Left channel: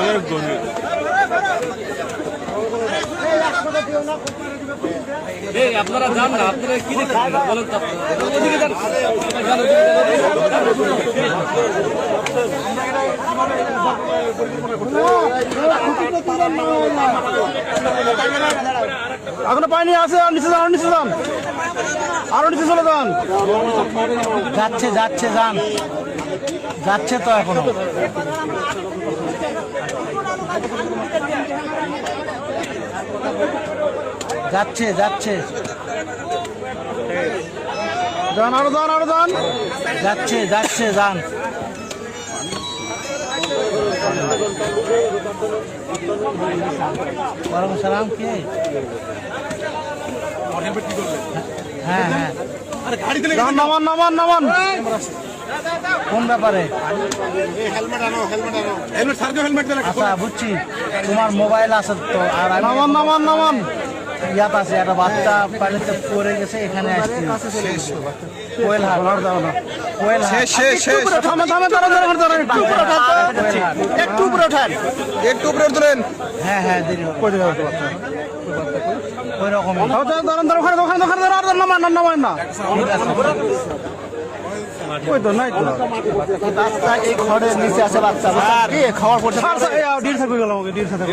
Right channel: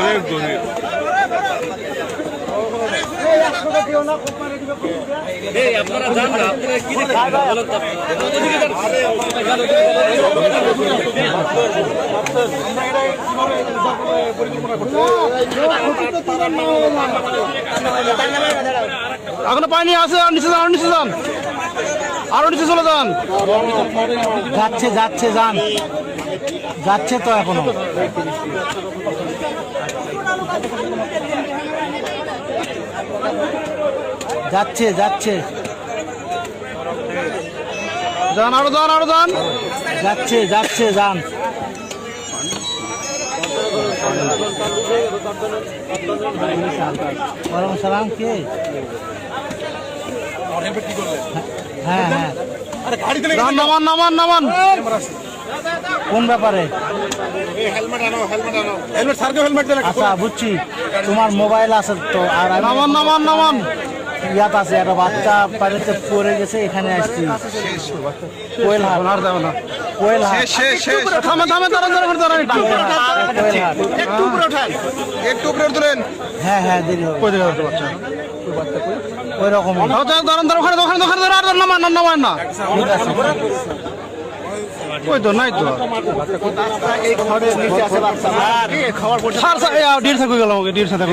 অনেক গভীর। আপনারা যান না, আপনারা কি এখনো পানি আছে, আর নিচে যান, আর নিচে যান, আরো নিচে চলে যান। যাচ্ছে যাচ্ছে যান, যাচ্ছে তো এখনো। যাচ্ছে যাচ্ছে যান, আরো যান, আরো যান। যাচ্ছে যাচ্ছে যান। ওয়ালাইকুম সালাম। কে? হ্যাঁ হ্যাঁ, যান, নামান নামান নামান। কোন ব্যাপারে? আচ্ছা বুঝছি, তোমার মোবাইল আছে তো। আর নামান নামান নামান। ইয়াত আছে, একটা বাচ্চা পানিতে পড়ে গেছে, এখানে আসছি। কোয়েল হাট, আর যাবে না। কোয়েল হাট। থামে থামে, দাঁড়ান দাঁড়ান দাঁড়ান। হ্যাঁ হ্যাঁ, দেরি হবে। কই দিকে যাচ্ছে বাচ্চা? ওরকম দাঁড়ান দাঁড়ান, ওখানে ওখানে ওখানে দাঁড়ান, আর নামান, আর নামান না। ওই তো নাই তো। নিচে আছে বাচ্চা। খাবার ডির থাকুক গেল, আমাকে ডির সাথে